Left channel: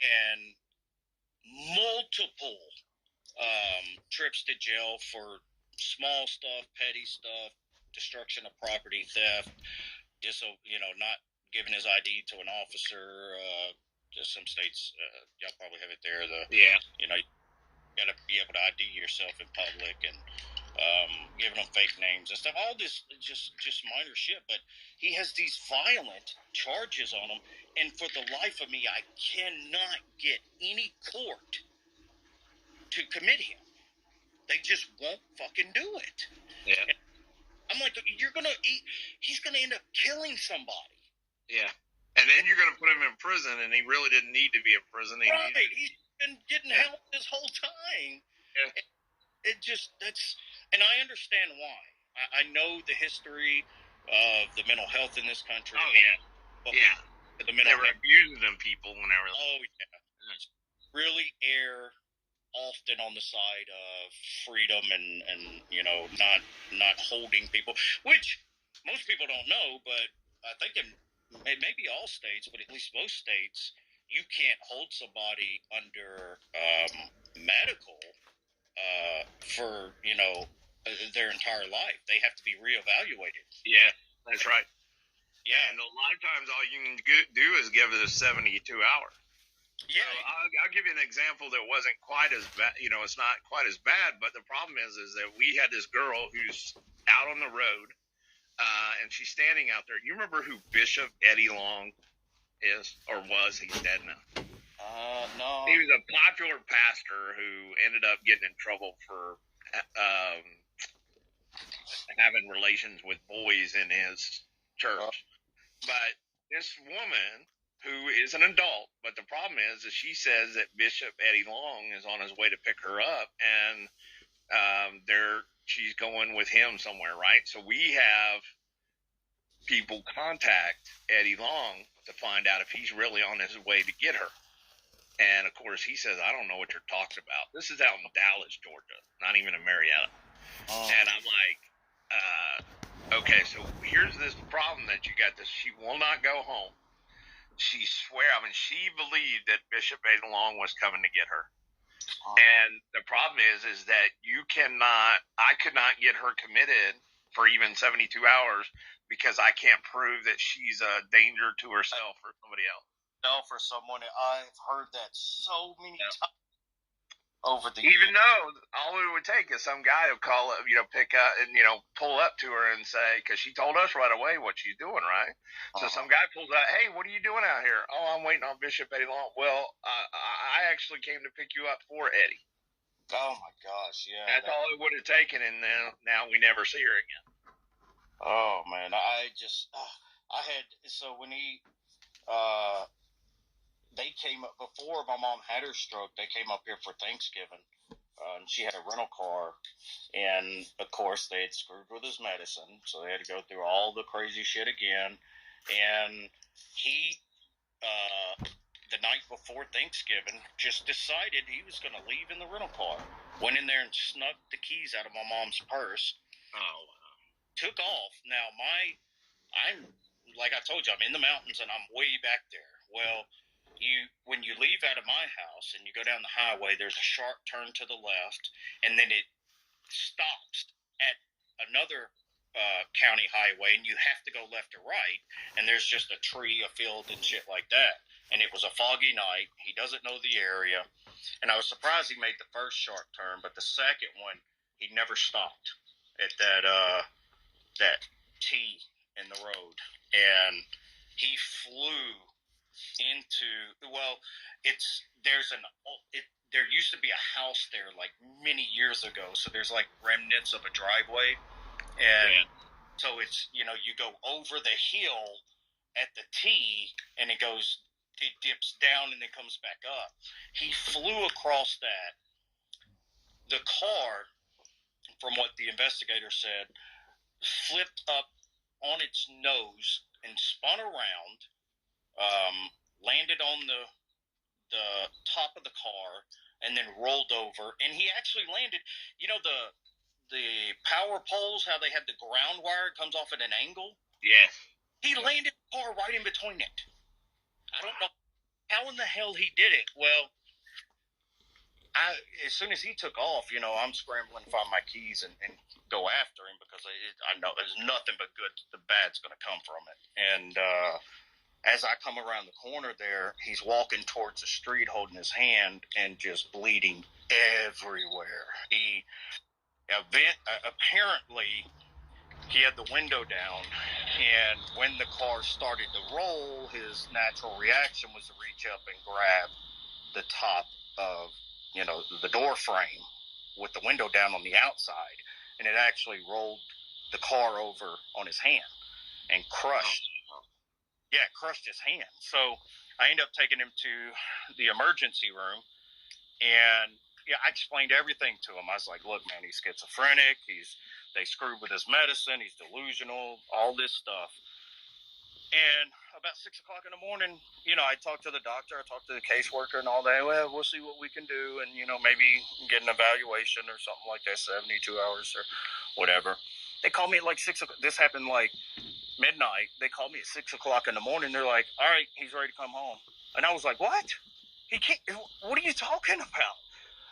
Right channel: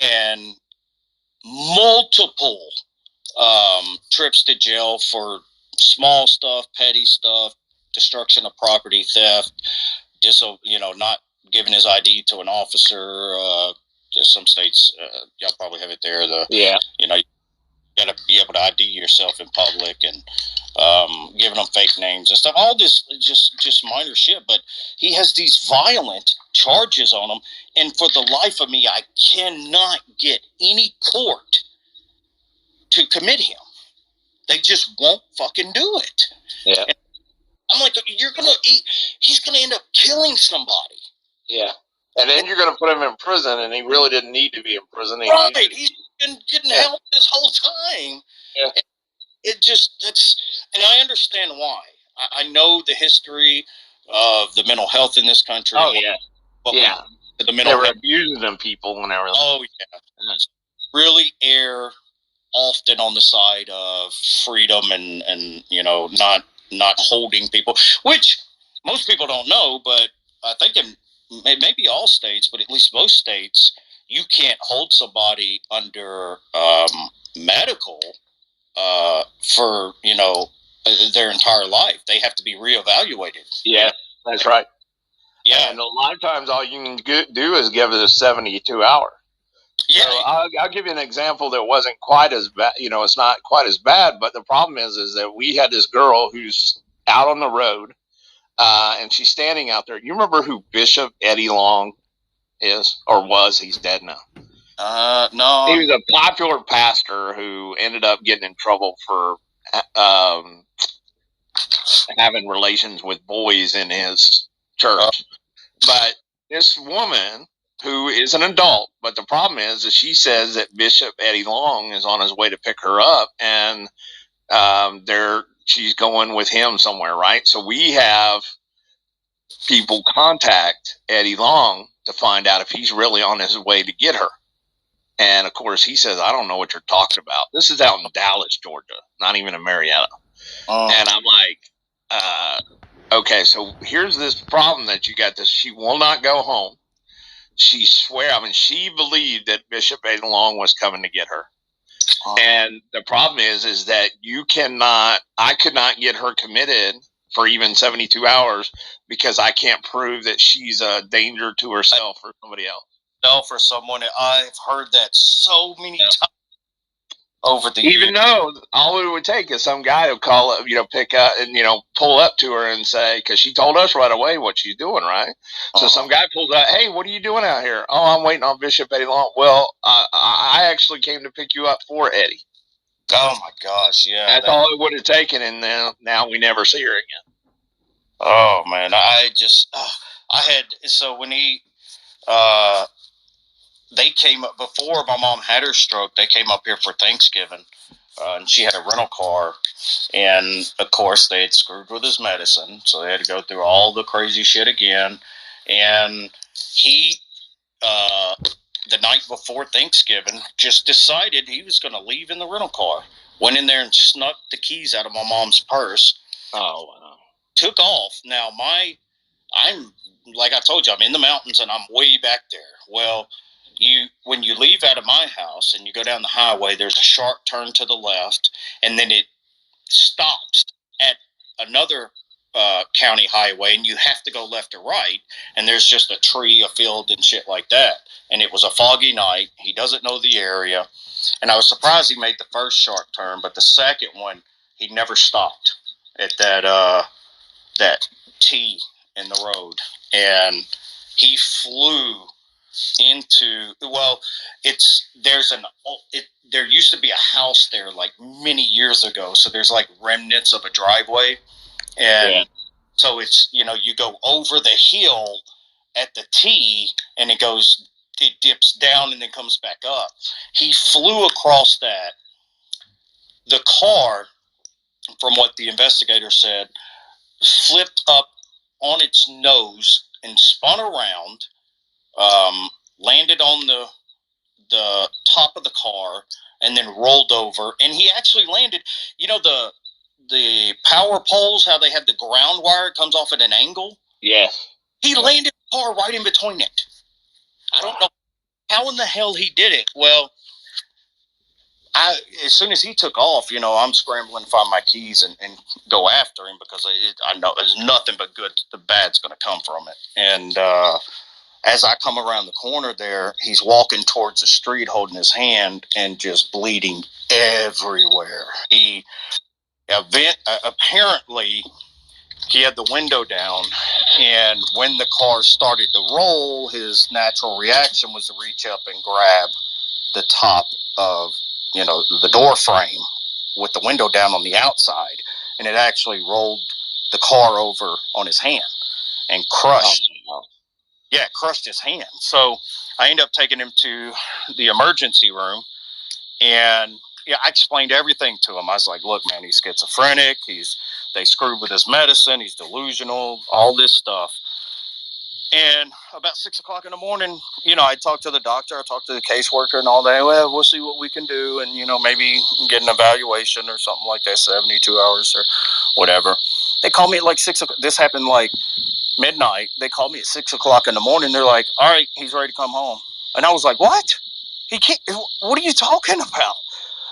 and multiple trips to jail for small stuff, petty stuff, destruction of property, theft, not giving his ID to an officer. Some states, y'all probably have it there. You got to be able to ID yourself in public, and giving them fake names and stuff. All this just minor shit, but he has these violent charges on him, and for the life of me, I cannot get any court to commit him. They just won't fucking do it. Yeah. And I'm like, he's gonna end up killing somebody. Yeah. And then you're going to put him in prison, and he really didn't need to be in prison. He's been getting help this whole time. Yeah. And I understand why. I know the history of the mental health in this country. Oh, yeah. The mental they were abusing them people and everything. Oh, yeah. Really err often on the side of freedom and not holding people, which most people don't know, but I think in maybe all states, but at least most states, you can't hold somebody under medical for their entire life. They have to be reevaluated. Yeah, that's right. Yeah, and a lot of times all you can do is give it a 72 hour. Yeah, so I'll give you an example that wasn't quite as bad. It's not quite as bad, but the problem is that we had this girl who's out on the road, and she's standing out there. You remember who Bishop Eddie Long is or was? He's dead now. No. He was a popular pastor who ended up getting in trouble for having relations with boys in his church. But this woman, who is an adult, but the problem is that she says that Bishop Eddie Long is on his way to pick her up, and she's going with him somewhere, right? So we have people contact Eddie Long to find out if he's really on his way to get her. And of course, he says, I don't know what you're talking about. This is out in Dallas, Georgia, not even in Marietta. And I'm like, okay, so here's this problem that you got this. She will not go home. She believed that Bishop Eddie Long was coming to get her. And the problem is that I could not get her committed for even 72 hours because I can't prove that she's a danger to herself or somebody else. No, for someone. I've heard that so many times over the years. Even though all it would take is some guy to call up, pick up and, pull up to her and say, because she told us right away what she's doing, right? So some guy pulls out, hey, what are you doing out here? Oh, I'm waiting on Bishop Eddie Long. Well, I actually came to pick you up for Eddie. Oh, my gosh, yeah. That's all it would have taken, and now we never see her again. Oh, man, when they came up, before my mom had her stroke, they came up here for Thanksgiving, and she had a rental car, and of course they had screwed with his medicine, so they had to go through all the crazy shit again, and he, the night before Thanksgiving, just decided he was going to leave in the rental car, went in there and snuck the keys out of my mom's purse. Oh, wow. Took off. Now, I'm, like I told you, I'm in the mountains, and I'm way back there. Well, when you leave out of my house and you go down the highway, there's a sharp turn to the left, and then it stops at another county highway, and you have to go left or right, and there's just a tree, a field, and shit like that. And it was a foggy night. He doesn't know the area, and I was surprised he made the first sharp turn, but the second one, he never stopped at that T in the road, and he flew into, there used to be a house there like many years ago, so there's like remnants of a driveway, and so it's, you go over the hill at the T, and it dips down and then comes back up. He flew across that. The car, from what the investigator said, flipped up on its nose and spun around, landed on the top of the car, and then rolled over. And he actually landed, the power poles, how they have the ground wire, it comes off at an angle? Yes. He landed the car right in between it. I don't know. how in the hell he did it? Well, as soon as he took off, I'm scrambling to find my keys and go after him because I know there's nothing but good, the bad's going to come from it. And as I come around the corner there, he's walking towards the street holding his hand and just bleeding everywhere. He apparently he had the window down, and when the car started to roll, his natural reaction was to reach up and grab the top of the door frame with the window down on the outside, and it actually rolled the car over on his hand and crushed his hand. So I ended up taking him to the emergency room, and I explained everything to him. I was like, look, man, he's schizophrenic, they screwed with his medicine, he's delusional, all this stuff. And about 6 o'clock in the morning, I talked to the doctor, I talked to the caseworker and all that. Well, we'll see what we can do, and maybe get an evaluation or something like that, 72 hours or whatever. They called me at like 6 o'clock. This happened like midnight. They called me at 6 o'clock in the morning. They're like, all right, he's ready to come home. And I was like, what? He can't. What are you talking about?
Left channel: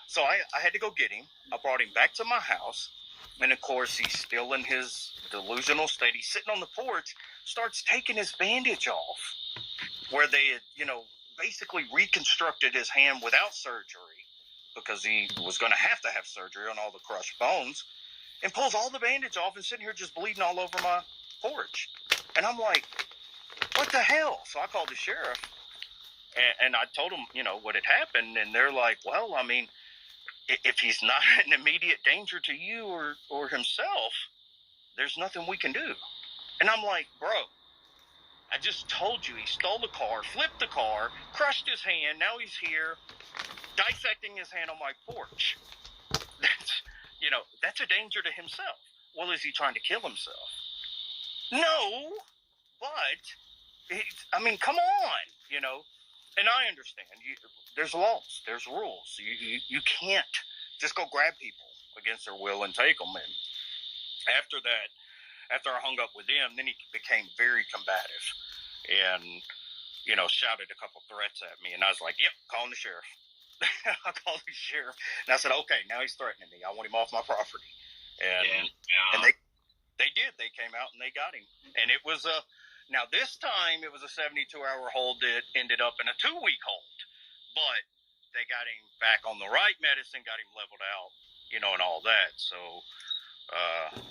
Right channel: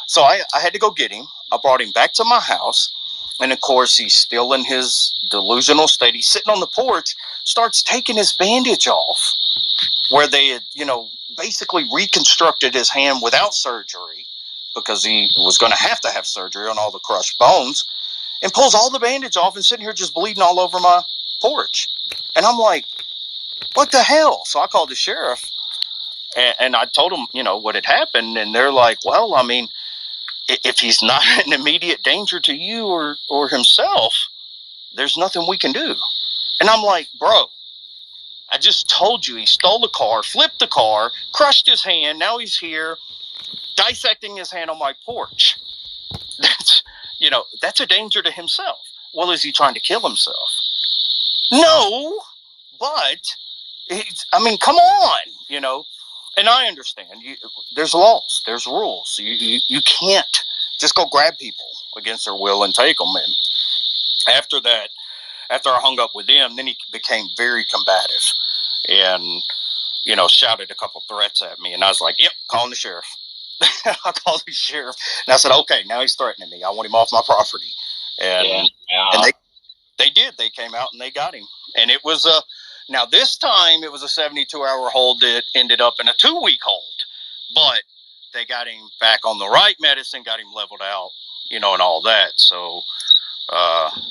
So I had to go get him. I brought him back to my house. And of course, he's still in his delusional state. He's sitting on the porch, starts taking his bandage off where they had, basically reconstructed his hand without surgery because he was going to have surgery on all the crushed bones, and pulls all the bandage off and sitting here just bleeding all over my porch. And I'm like, what the hell? So I called the sheriff and I told him, what had happened. And they're like, well, I mean, if he's not an immediate danger to you or himself, there's nothing we can do. And I'm like, bro, I just told you he stole the car, flipped the car, crushed his hand. Now he's here dissecting his hand on my porch. That's a danger to himself. Well, is he trying to kill himself? No, but come on, and I understand. There's laws, there's rules. You can't just go grab people against their will and take them. And after that, after I hung up with him, then he became very combative and, shouted a couple threats at me. And I was like, yep, calling the sheriff. I called the sheriff. And I said, okay, now he's threatening me. I want him off my property. And they did. They came out and they got him. And it was now this time it was a 72-hour hold that ended up in a 2-week hold. But they got him back on the right medicine, got him leveled out, and all that. So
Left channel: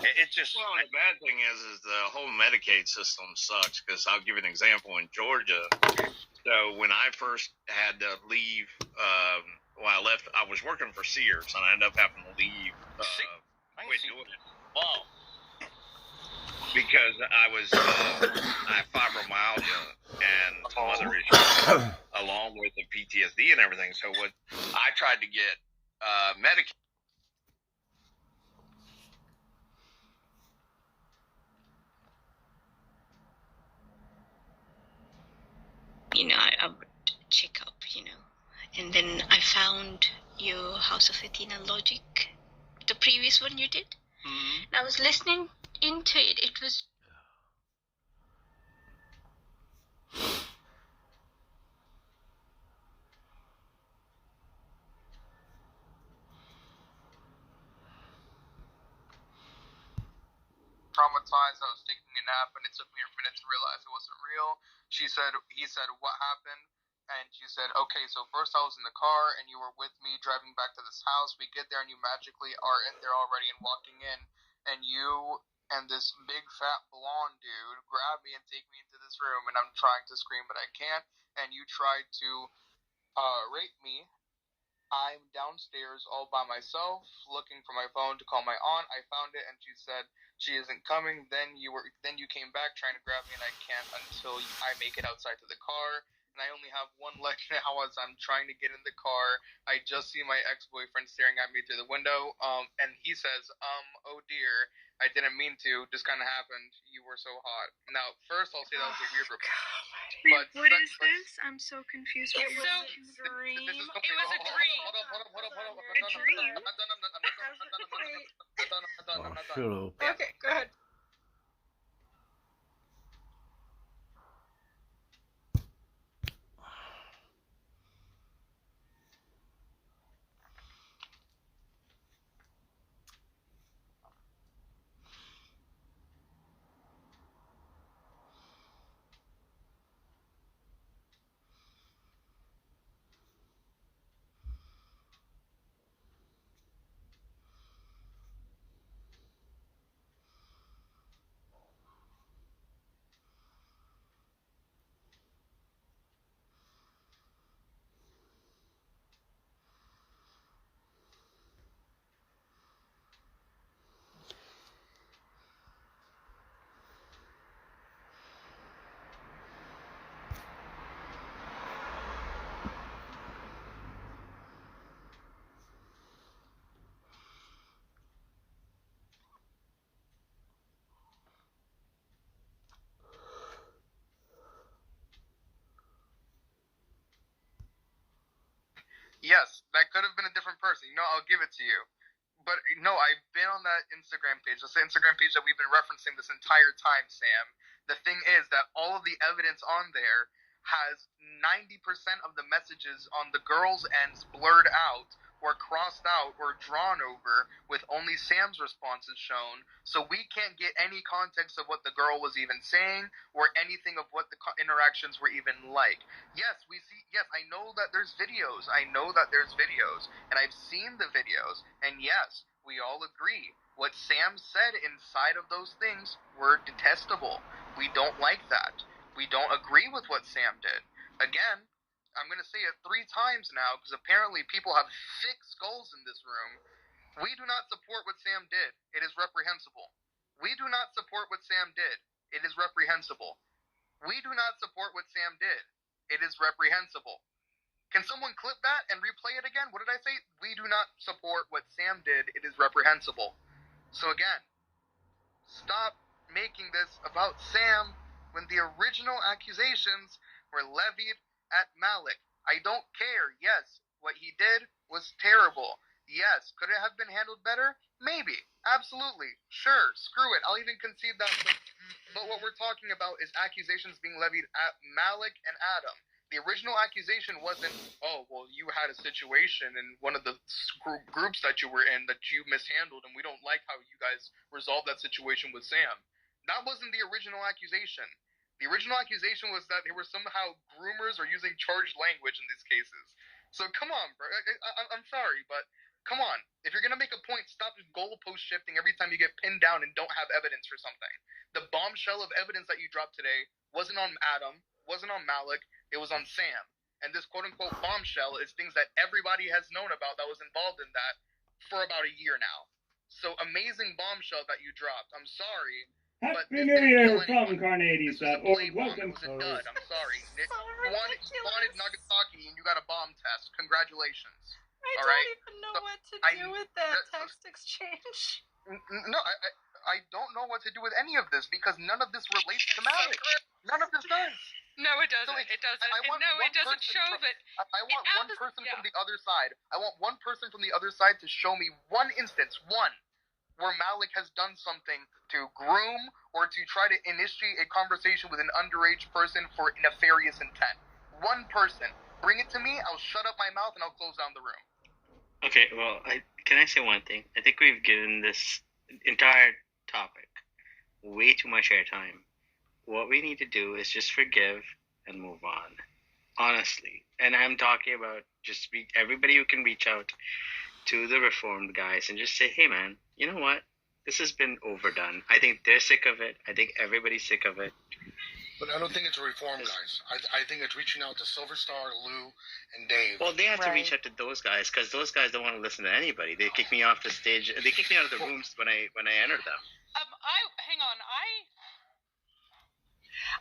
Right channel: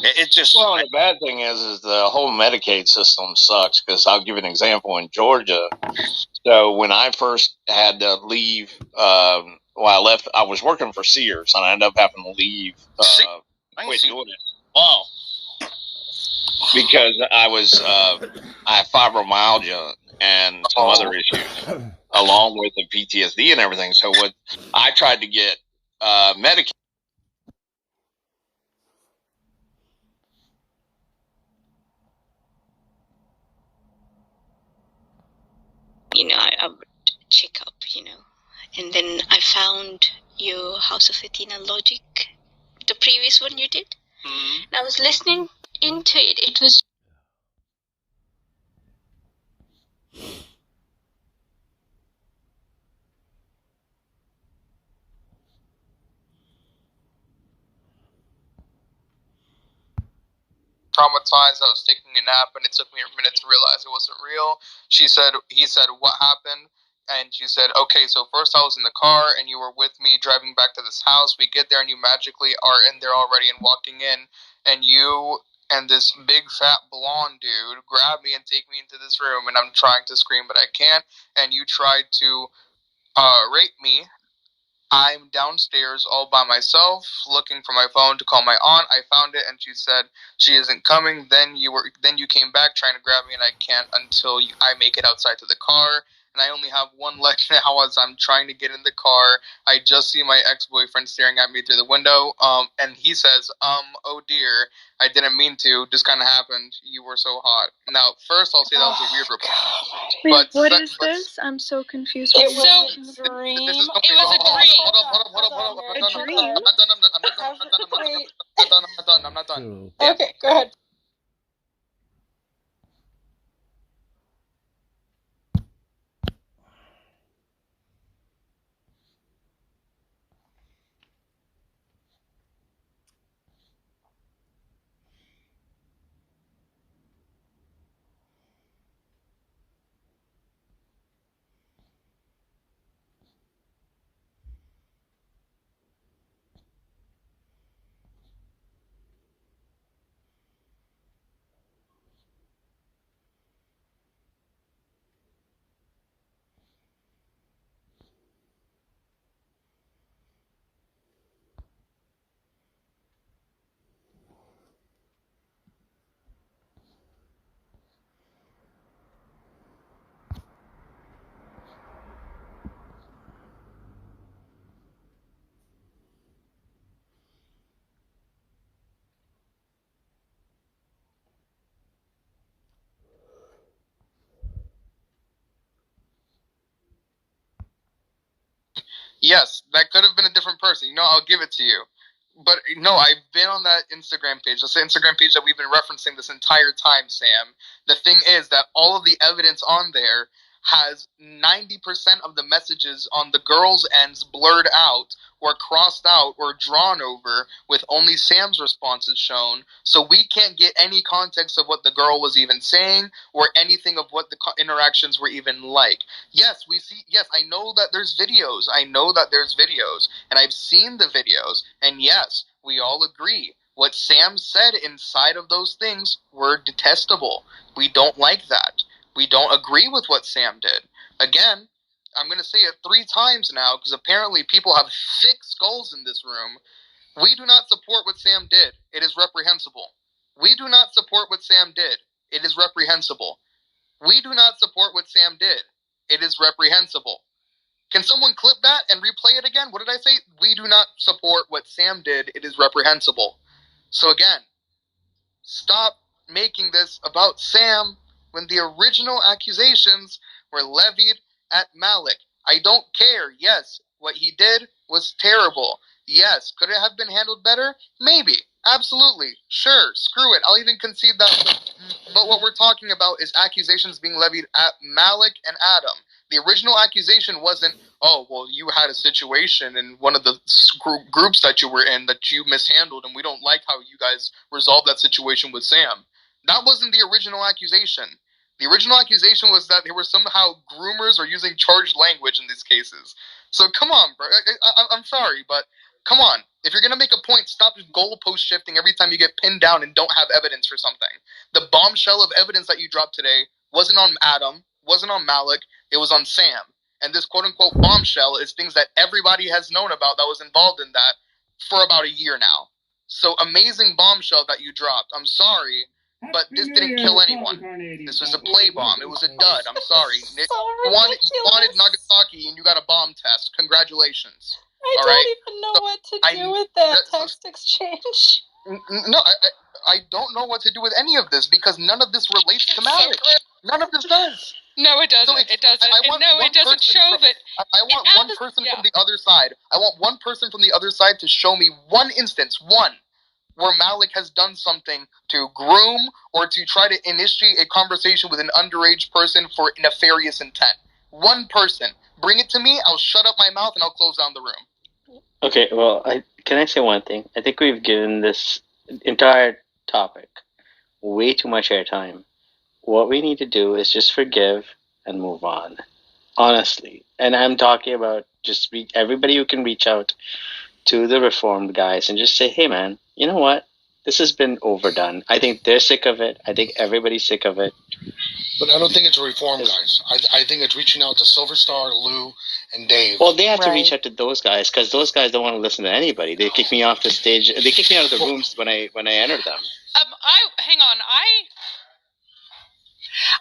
it just... Well, the bad thing is the whole Medicaid system sucks, because I'll give you an example in Georgia. So when I first had to leave, I left, I was working for Sears, and I ended up having to leave. Quit doing it. Wow. Because I have fibromyalgia and some other issues, along with the PTSD and everything. So what I tried to get Medicaid. I would check up, and then I found your House of Athena Logic, the previous one you did. Mm-hmm. And I was listening into it. It was... traumatized. I was taking a nap, and it took me a minute to realize it wasn't real. He said, what happened? And she said, okay, so first I was in the car, and you were with me driving back to this house. We get there, and you magically are in there already and walking in, and you and this big fat blonde dude grab me and take me into this room, and I'm trying to scream, but I can't, and you tried to rape me. I'm downstairs all by myself, looking for my phone to call my aunt. I found it, and she said she isn't coming. Then you came back trying to grab me, and I can't until I make it outside to the car. And I only have one leg now as I'm trying to get in the car. I just see my ex-boyfriend staring at me through the window. And he says, oh dear, I didn't mean to. Just kind of happened. You were so hot. Now, first I'll say that was a weird report. Wait, what is this? I'm so confused. It was a dream. It was a dream. Hold up. A dream? I'm not done. Okay, go ahead. Yes, that could have been a different person. I'll give it to you. But no, I've been on that Instagram page. That's the Instagram page that we've been referencing this entire time, Sam. The thing is that all of the evidence on there has 90% of the messages on the girls' ends blurred out or crossed out or drawn over, with only Sam's responses shown. So we can't get any context of what the girl was even saying or anything of what the interactions were even like. Yes, we see. Yes, I know that there's videos. And I've seen the videos. And yes, we all agree. What Sam said inside of those things were detestable. We don't like that. We don't agree with what Sam did. Again, I'm going to say it 3 times now, because apparently people have thick skulls in this room. We do not support what Sam did. It is reprehensible. We do not support what Sam did. It is reprehensible. We do not support what Sam did. It is reprehensible. Can someone clip that and replay it again? What did I say? We do not support what Sam did. It is reprehensible. So again, stop making this about Sam when the original accusations were levied at Malik. I don't care. Yes, what he did was terrible. Yes, could it have been handled better? Maybe. Absolutely. Sure. Screw it. I'll even concede that. But what we're talking about is accusations being levied at Malik and Adam. The original accusation wasn't, oh, well, you had a situation in one of the groups that you were in that you mishandled, and we don't like how you guys resolved that situation with Sam. That wasn't the original accusation. The original accusation was that they were somehow groomers or using charged language in these cases. So come on, bro. I'm sorry, but come on. If you're going to make a point, stop goalpost shifting every time you get pinned down and don't have evidence for something. The bombshell of evidence that you dropped today wasn't on Adam, wasn't on Malik, it was on Sam. And this quote-unquote bombshell is things that everybody has known about that was involved in that for about a year now. So amazing bombshell that you dropped. I'm sorry, but this didn't kill anyone. This was a play bomb. It was a dud. I'm sorry. Nick, you wanted Nagasaki and you got a bomb test. Congratulations. I don't even know what to do with that text exchange. No, I don't know what to do with any of this because none of this relates to Malik. None of this does. No, it doesn't. It doesn't. It doesn't show that. I want one person from the other side. I want one person from the other side to show me one instance, where Malik has done something to groom or to try to initiate a conversation with an underage person for nefarious intent. One person. Bring it to me, I'll shut up my mouth and I'll close down the room. Okay, well, can I say one thing? I think we've given this entire topic way too much airtime. What we need to do is just forgive and move on. Honestly. And I'm talking about just everybody who can reach out to the reformed guys and just say, hey man, you know what? This has been overdone. I think they're sick of it. I think everybody's sick of it. But I don't think it's a reform, guys. I think it's reaching out to Silver Star, Lou, and Dave. Well, they have to reach out to those guys because those guys don't want to listen to anybody. They kick me off the stage. They kick me out of the rooms when I enter them. Hang on.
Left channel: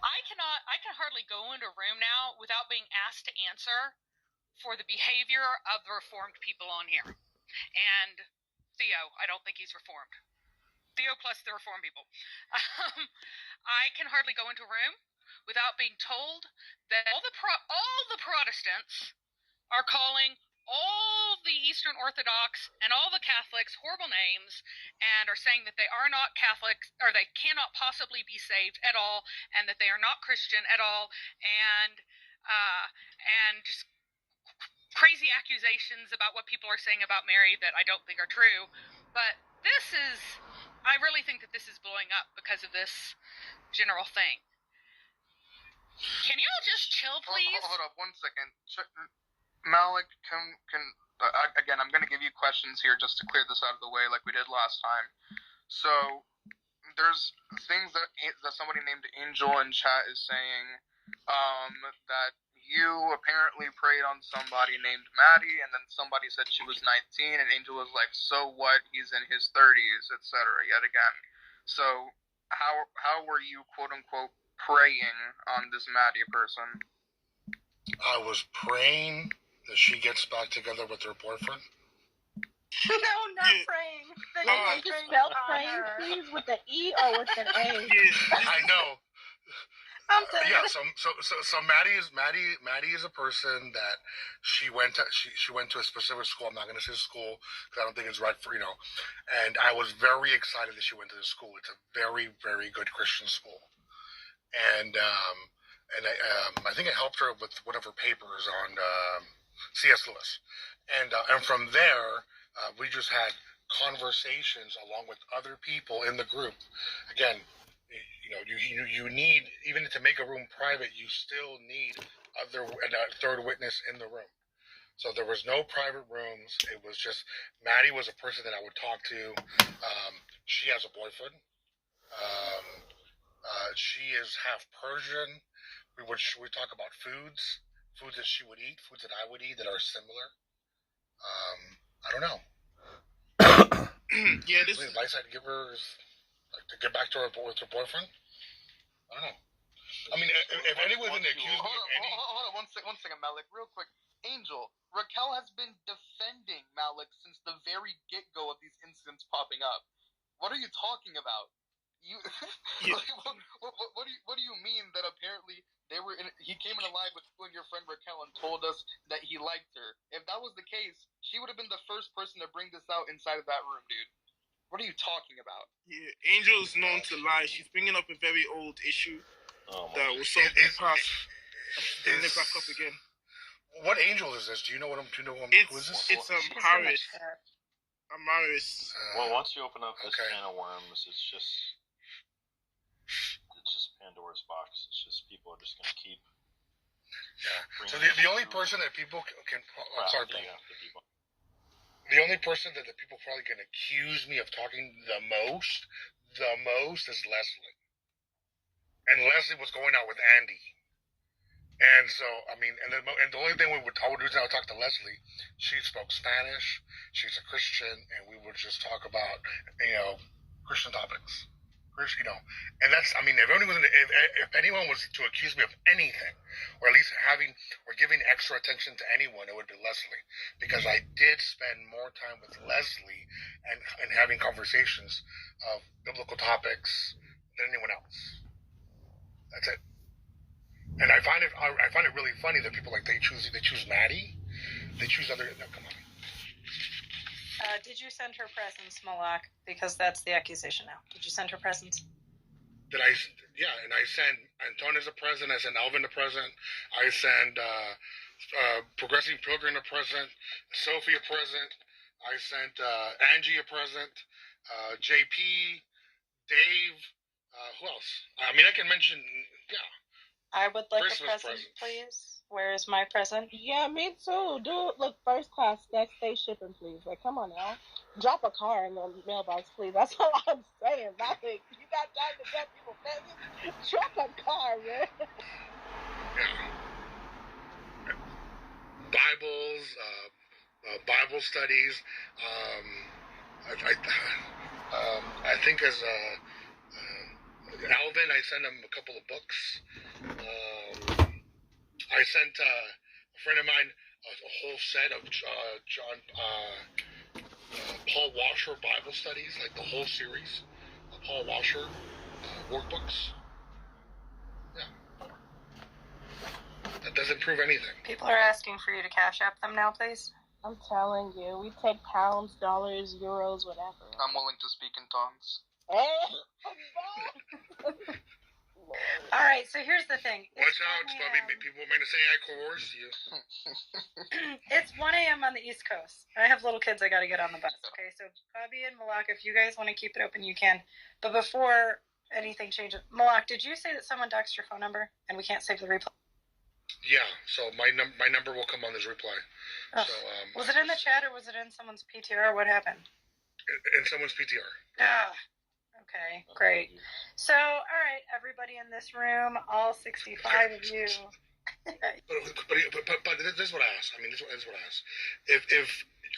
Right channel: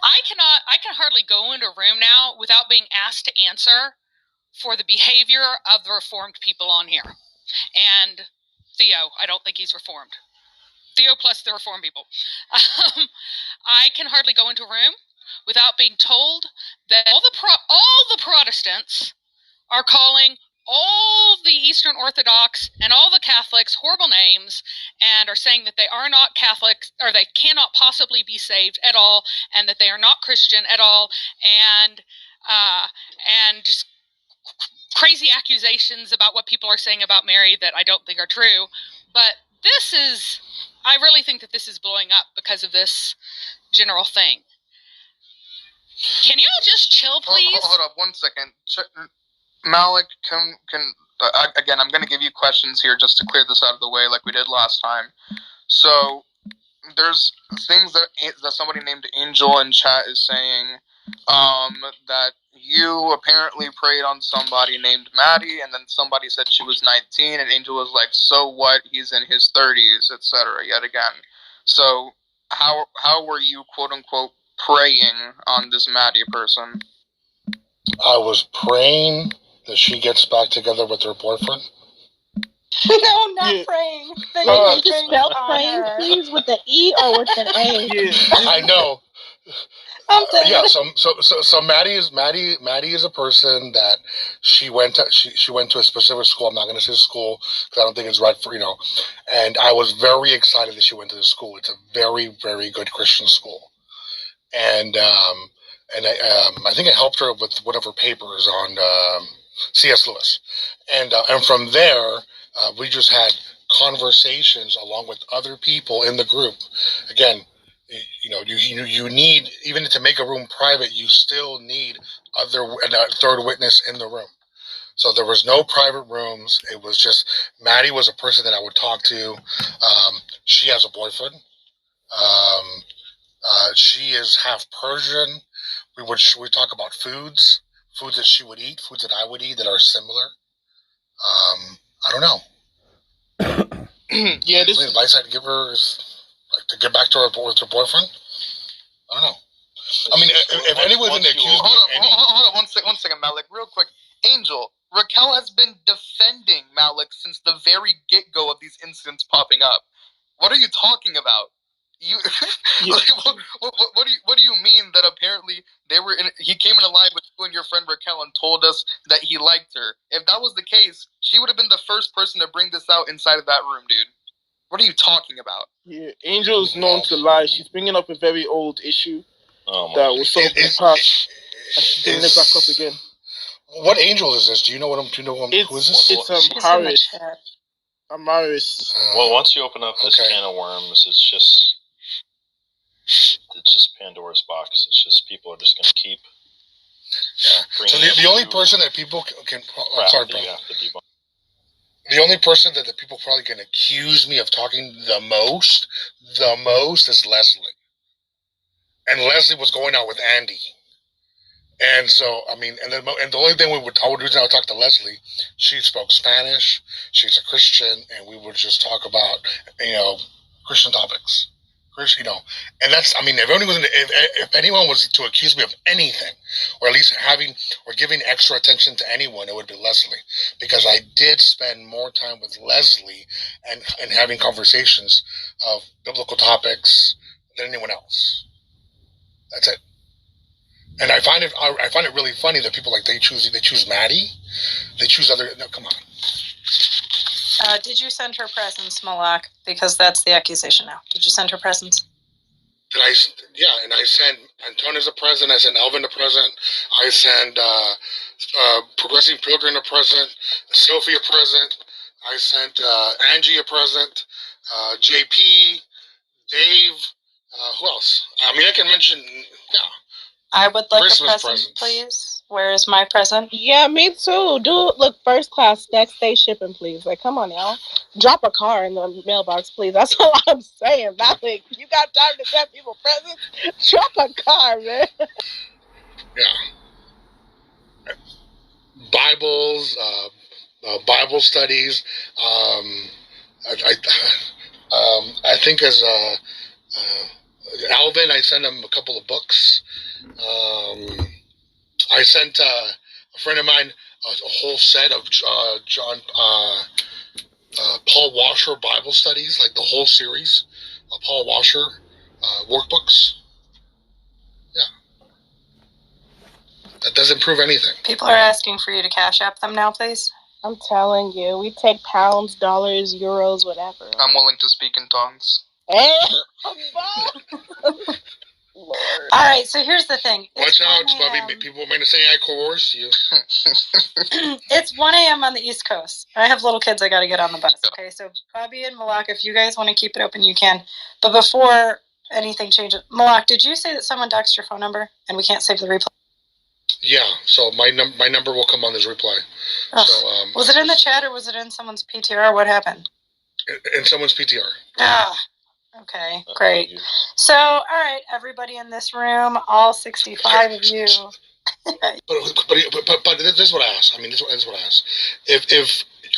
I can hardly go into a room now without being asked to answer for the behavior of the reformed people on here. And Theo, I don't think he's reformed. Theo plus the reformed people. I can hardly go into a room without being told that all the Protestants are calling all the Eastern Orthodox and all the Catholics horrible names and are saying that they are not Catholics or they cannot possibly be saved at all and that they are not Christian at all and just crazy accusations about what people are saying about Mary that I don't think are true. But I really think that this is blowing up because of this general thing. Can you all just chill, please? Hold up 1 second. Malik, again, I'm going to give you questions here just to clear this out of the way like we did last time. So, there's things that somebody named Angel in chat is saying, that you apparently preyed on somebody named Maddie, and then somebody said she was 19, and Angel was like, so what, he's in his 30s, etc., yet again. So, how were you, quote-unquote, preying on this Maddie person? I was praying that she gets back together with her boyfriend. No, not praying. Can you spell praying, please, with an E or with an A? I know. I'm dead. Yeah, so Maddie is a person that she went to a specific school. I'm not going to say school because I don't think it's right for And I was very excited that she went to the school. It's a very, very good Christian school, and I think it helped her with one of her papers on C.S. Lewis, and from there we just had conversations along with other people in the group. Again, you need, even to make a room private, you still need a third witness in the room. So there was no private rooms. It was just Maddie was a person that I would talk to. She has a boyfriend. She is half Persian. We talk about foods that she would eat, foods that I would eat that are similar. I don't know. Yeah, the advice I'd give her is to get back to her with her boyfriend. I don't know. I mean, if anyone's going to accuse me of any... Hold on, one second, Malik, real quick. Angel, Raquel has been defending Malik since the very get-go of these incidents popping up. What are you talking about? What do you mean that apparently he came in a line with you and your friend Raquel and told us that he liked her? If that was the case, she would have been the first person to bring this out inside of that room, dude. What are you talking about? Yeah, Angel's known to lie. She's bringing up a very old issue that was solved in the past, and she's bringing it back up again. What Angel is this? Do you know who is this? It's Harris. Amaris. Well, once you open up this can of worms, it's just Pandora's box. It's just people are just going to keep. Yeah. So the only person that people can. I'm sorry, bro. The only person that the people probably can accuse me of talking the most is Leslie. And Leslie was going out with Andy. And so, I mean, and the only thing I would talk to Leslie, she spoke Spanish, she's a Christian, and we would just talk about, Christian topics. And that's, I mean, if anyone was to accuse me of anything, or at least giving extra attention to anyone, it would be Leslie, because I did spend more time with Leslie and having conversations of biblical topics than anyone else. That's it. And I find it really funny that people they choose Maddie, they choose other. No, come on. Did you send her presents, Malak? Because that's the accusation now. Did you send her presents? Yeah, and I sent Antonio's a present. I sent Elvin a present. I sent Progressive Pilgrim a present. Sophie a present. I sent Angie a present. JP, Dave. Who else? I mean, I can mention. Yeah. I would like Christmas a present, presents. please. Where is my present? Yeah, me too. Look, first class, next day shipping, please. Like, come on now. Drop a car in the mailbox, please. That's all I'm saying. Malik, you got time to get people presents? Drop a car, man. Yeah. Bibles, Bible studies. I think as Alvin, I sent him a couple of books. I sent a friend of mine a whole set of Paul Washer Bible studies, like the whole series of Paul Washer workbooks. Yeah. That doesn't prove anything. People are asking for you to cash app them now, please. I'm telling you, we take pounds, dollars, euros, whatever. I'm willing to speak in tongues. Hey, Lord. All right, so here's the thing. Watch out, Bobby. People are going to say I coerced you. It's 1 a.m. on the East Coast. I have little kids. I got to get on the bus. Okay, so Bobby and Malak, if you guys want to keep it open, you can. But before anything changes, Malak, did you say that someone doxed your phone number and we can't save the replay? Yeah, so my number will come on this replay. Oh. So, was it in the chat or was it in someone's PTR? What happened? In someone's PTR. Ah. Okay, great. So, all right, everybody in this room, all 65 of you. but this is what I ask. I mean, this is what I ask. If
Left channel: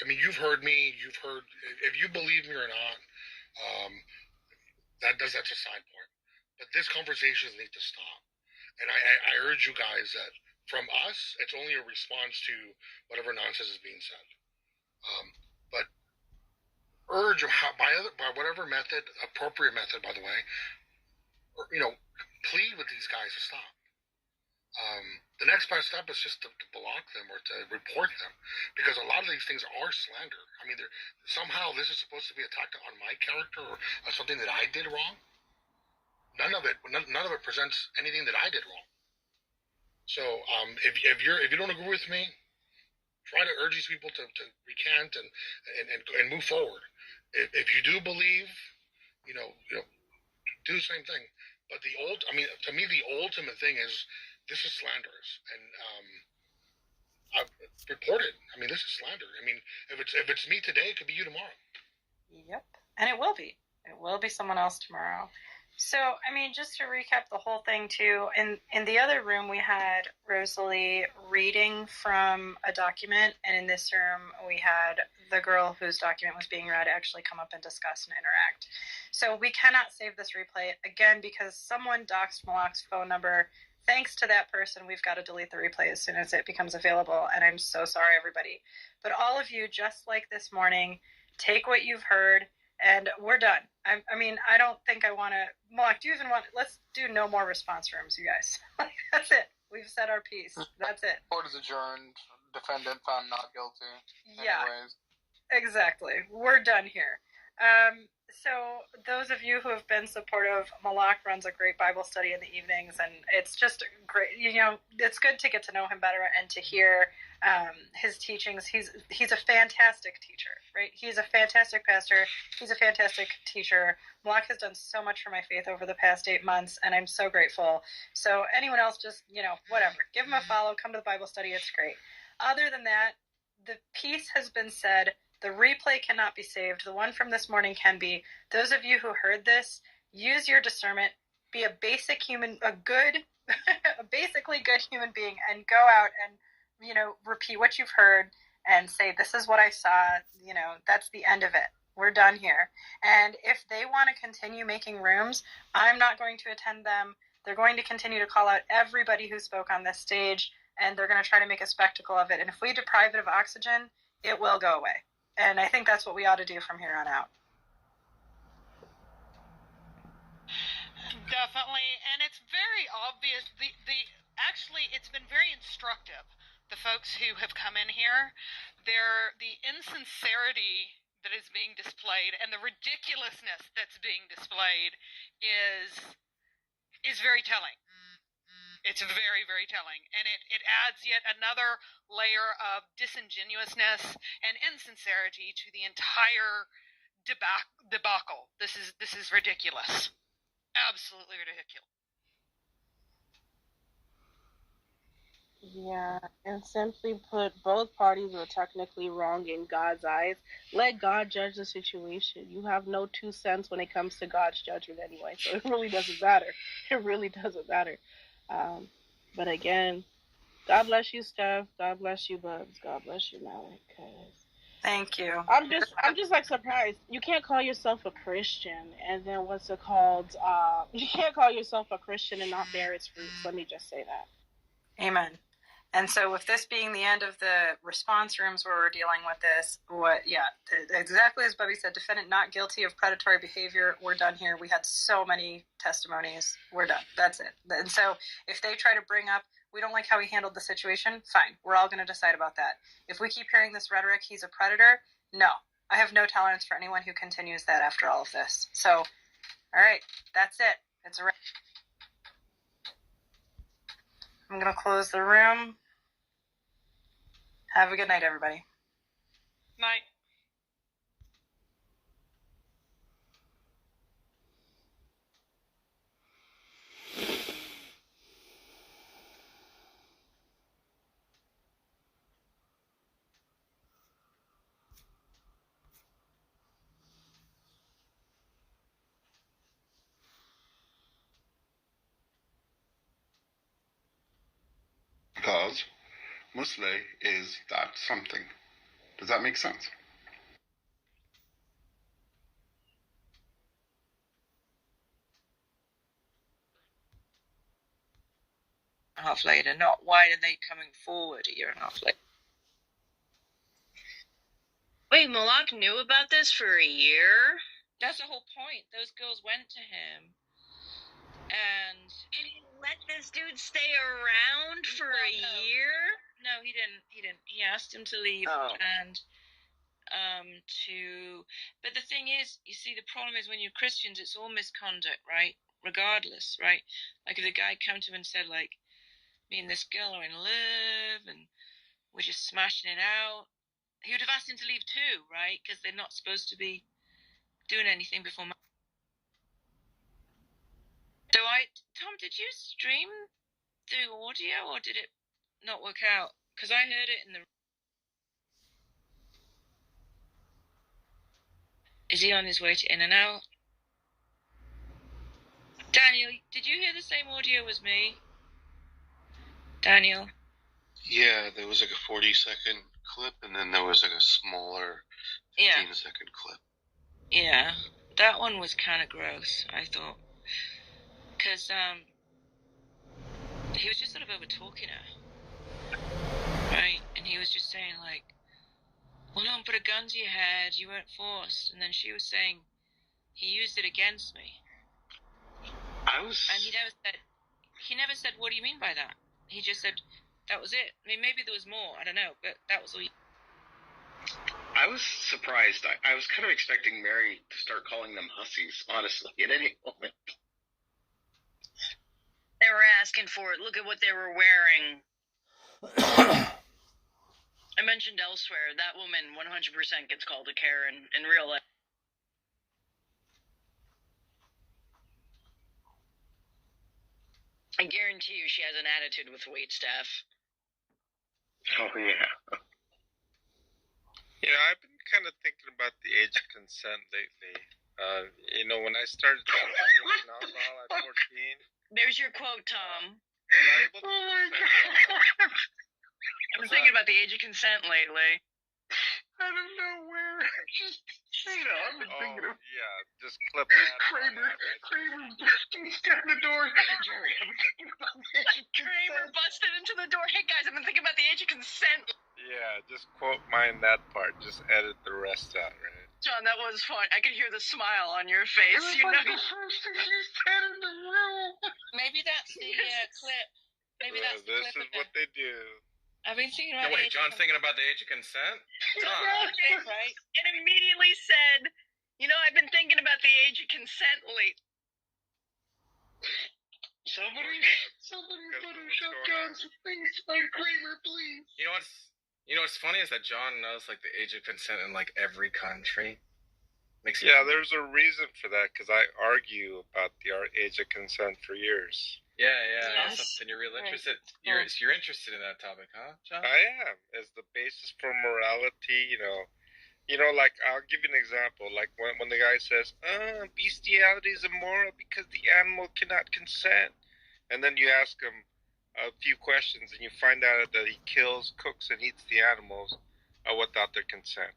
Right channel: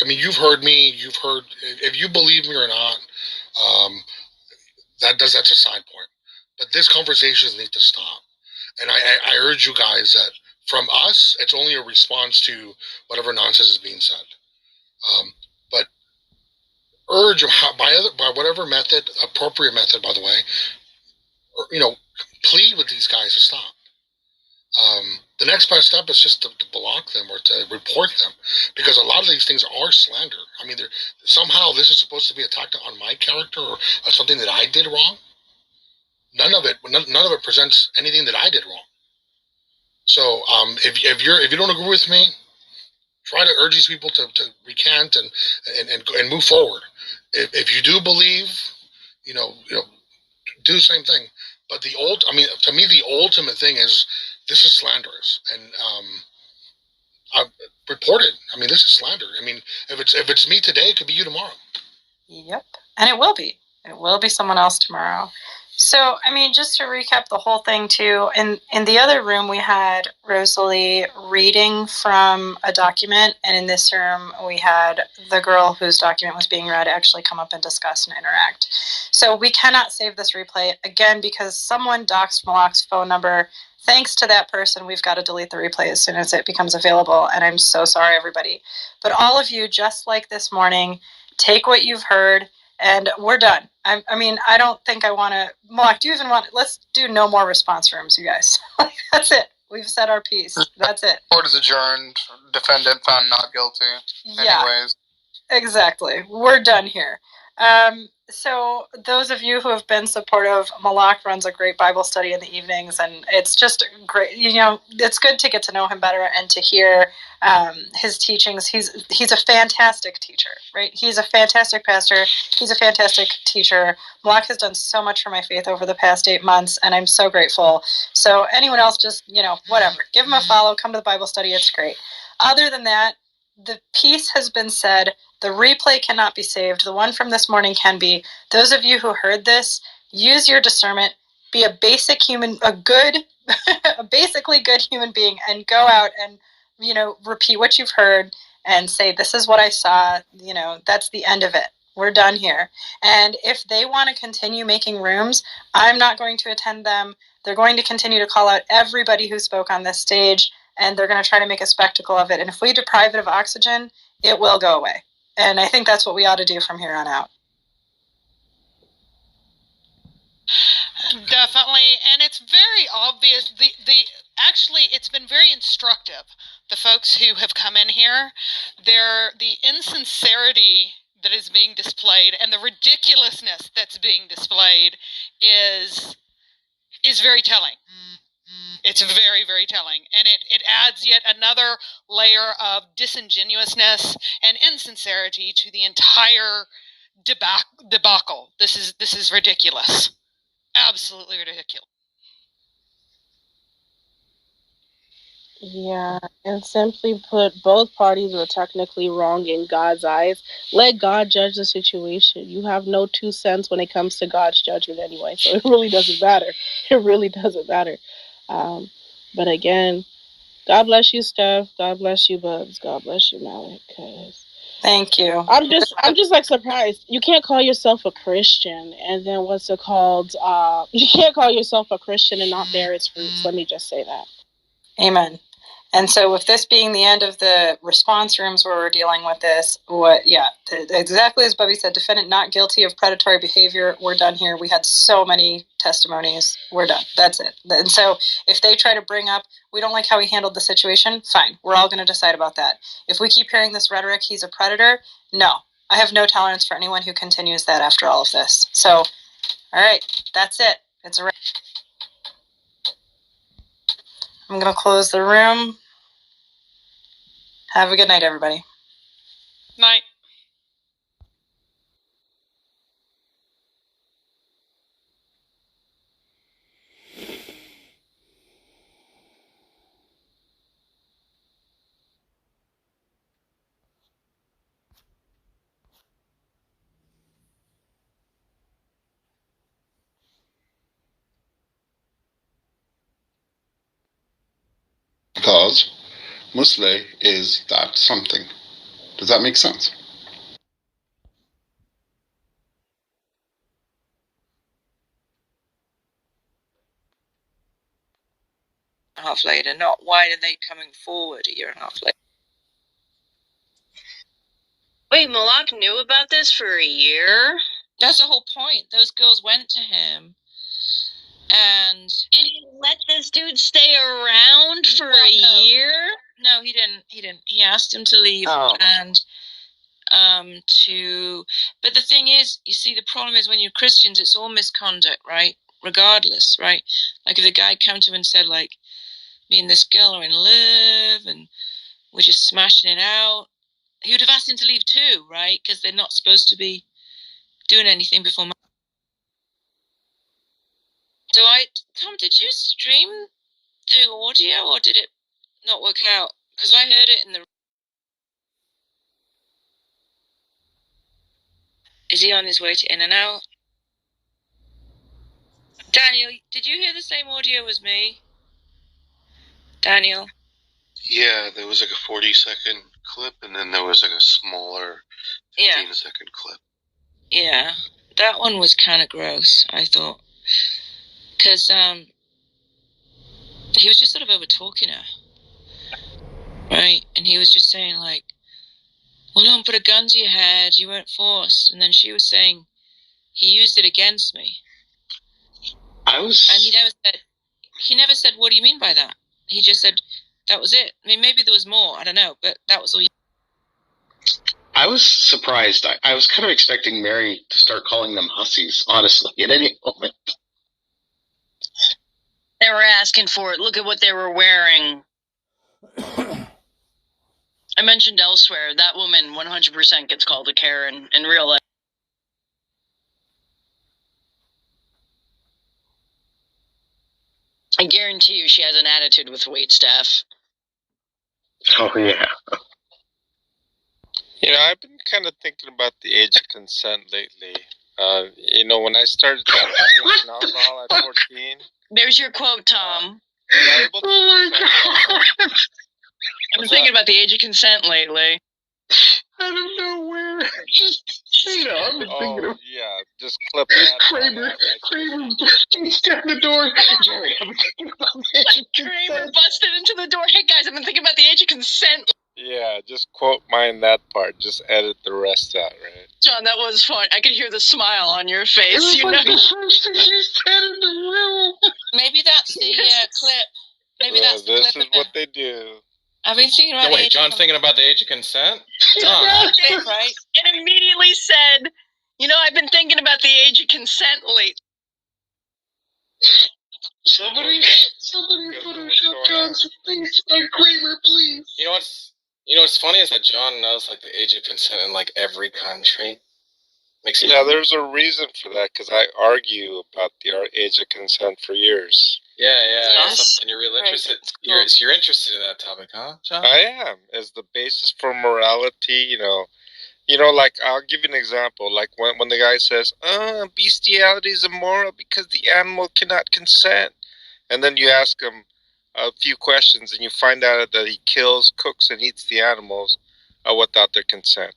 you've heard me, if you believe me or not, that's a side point. But this conversation needs to stop. And I urge you guys that from us, it's only a response to whatever nonsense is being said. But urge by whatever method, appropriate method, by the way, plead with these guys to stop. The next best step is just to block them or to report them, because a lot of these things are slander. I mean, somehow this is supposed to be attacked on my character or something that I did wrong. None of it presents anything that I did wrong. So if you don't agree with me, try to urge these people to recant and move forward. If you do believe, do the same thing. But to me, the ultimate thing is this is slanderous, and I've reported. I mean, this is slander. I mean, if it's me today, it could be you tomorrow. Yep, and it will be. It will be someone else tomorrow. So, I mean, just to recap the whole thing, too, in the other room, we had Rosalie reading from a document, and in this room, we had the girl whose document was being read actually come up and discuss and interact. So we cannot save this replay, again, because someone doxed Malak's phone number. Thanks to that person, we've got to delete the replay as soon as it becomes available, and I'm so sorry, everybody. But all of you, just like this morning, take what you've heard, and we're done. I mean, I don't think I want to... Malak, do you even want... Let's do no more response rooms, you guys. That's it. We've said our piece. That's it. Court is adjourned. Defendant found not guilty. Yeah. Anyways. Exactly. We're done here. So those of you who have been supportive, Malak runs a great Bible study in the evenings, and it's just great. It's good to get to know him better and to hear his teachings. He's a fantastic teacher, right? He's a fantastic pastor. He's a fantastic teacher. Malak has done so much for my faith over the past 8 months, and I'm so grateful. So anyone else, just, whatever. Give him a follow. Come to the Bible study. It's great. Other than that, the piece has been said. The replay cannot be saved. The one from this morning can be. Those of you who heard this, use your discernment. Be a basically good human being, and go out and, repeat what you've heard and say, this is what I saw. That's the end of it. We're done here. And if they want to continue making rooms, I'm not going to attend them. They're going to continue to call out everybody who spoke on this stage, and they're going to try to make a spectacle of it. And if we deprive it of oxygen, it will go away. And I think that's what we ought to do from here on out. Definitely, and it's very obvious. Actually, it's been very instructive. The folks who have come in here, the insincerity that is being displayed and the ridiculousness that's being displayed is very telling. It's very, very telling, and it adds yet another layer of disingenuousness and insincerity to the entire debacle. This is ridiculous, absolutely ridiculous. Yeah, and simply put, both parties were technically wrong in God's eyes. Let God judge the situation. You have no 2 cents when it comes to God's judgment anyway, so it really doesn't matter. It really doesn't matter. But again, God bless you, Steph. God bless you, Bubs. God bless you, Malik. Thank you. I'm just like surprised. You can't call yourself a Christian, and then what's it called? You can't call yourself a Christian and not bear its fruits. Let me just say that. Amen. And so with this being the end of the response rooms where we're dealing with this, exactly as Bubby said, defendant not guilty of predatory behavior. We're done here. We had so many testimonies. We're done. That's it. And so if they try to bring up, we don't like how he handled the situation, fine. We're all going to decide about that. If we keep hearing this rhetoric, he's a predator, no. I have no tolerance for anyone who continues that after all of this. So, all right, that's it. It's a wrap. I'm going to close the room. Have a good night, everybody. Night. Because Muslim is that something. Does that make sense? Half later, not why are they coming forward a year and a half later? Wait, Malak knew about this for a year? That's the whole point. Those girls went to him And you let this dude stay around for a year? No, he didn't. He didn't. He asked him to leave, and But the thing is, you see, the problem is when you're Christians, it's all misconduct, right? Regardless, right? Like if the guy came to him and said, like, me and this girl are in love, and we're just smashing it out, he would have asked him to leave too, right? Because they're not supposed to be doing anything before. Tom, did you stream the audio, or did it not work out? Because I heard it in the. Is he on his way to In-N-Out? Daniel, did you hear the same audio as me? Daniel? Yeah, there was like a 40-second clip, and then there was like a smaller 15-second clip. Yeah, that one was kind of gross, I thought. Because he was just sort of over-talking her. Right? And he was just saying, like, well, don't put a gun to your head, you weren't forced. And then she was saying, he used it against me. And he never said, what do you mean by that? He just said, that was it. I mean, maybe there was more, I don't know, but that was all. I was surprised. I was kind of expecting Mary to start calling them hussies, honestly, at any moment. They were asking for it. Look at what they were wearing. I mentioned elsewhere, that woman 100% gets called a Karen in real life. I guarantee you she has an attitude with waitstaff. Oh, yeah. You know, I've been kind of thinking about the age of consent lately. You know, when I started drinking alcohol at 14. There's your quote, Tom. Oh my God. I've been thinking about the age of consent lately. Out of nowhere. Just, I've been thinking of... yeah, just clip that. Kramer busted down the door. Jerry, I've been thinking about the age of Kramer busted into the door. Hey, guys, I've been thinking about the age of consent. Yeah, just quote mine that part. Just edit the rest out, right? John, that was fun. I could hear the smile on your face. It was you like know? the first thing you said in the room. Maybe that's the clip. Maybe that's the this clip. This is what they do. I've been thinking about the age John's thinking about the age of consent? right? And immediately said, you know, I've been thinking about the age of consent lately. Somebody Photoshop John's face on Kramer, please. You know what's funny is that John knows like the age of consent in like every country. There's a reason for that because I argue about the age of consent for years. Yeah. Yes. And you're really interested. You're interested in that topic, huh, John? I am. As the basis for morality, you know, like I'll give you an example. Like when the guy says, bestiality is immoral because the animal cannot consent. And then you ask him a few questions and you find out that he kills, cooks, and eats the animals without their consent.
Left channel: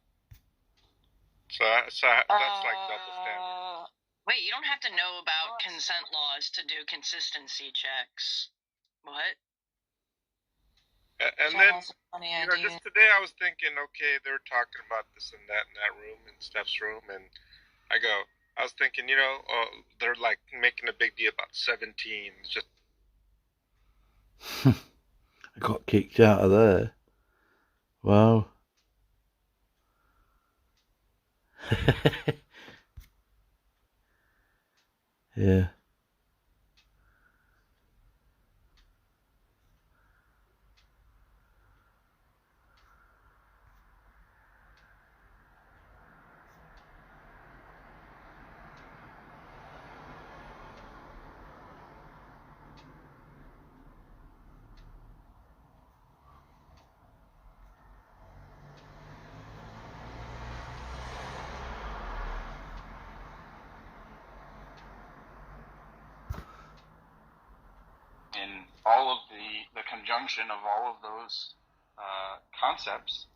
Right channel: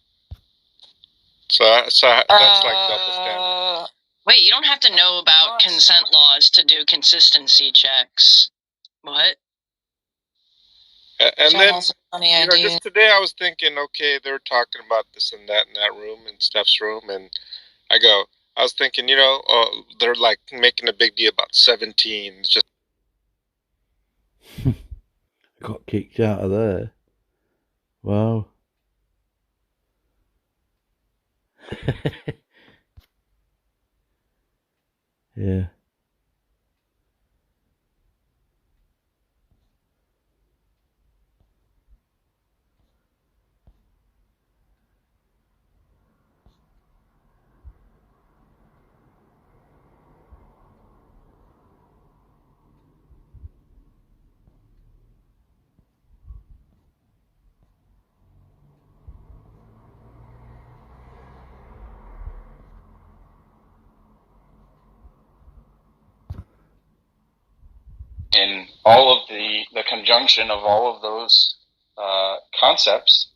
So that's like double standard. Wait, you don't have to know about consent laws to do consistency checks. What? And then, just today I was thinking, okay, they're talking about this and that in that room, in Steph's room, and I was thinking, they're like making a big deal about 17. It's just I got kicked out of there. Wow. Yeah. In all of the conjunction of all of those concepts,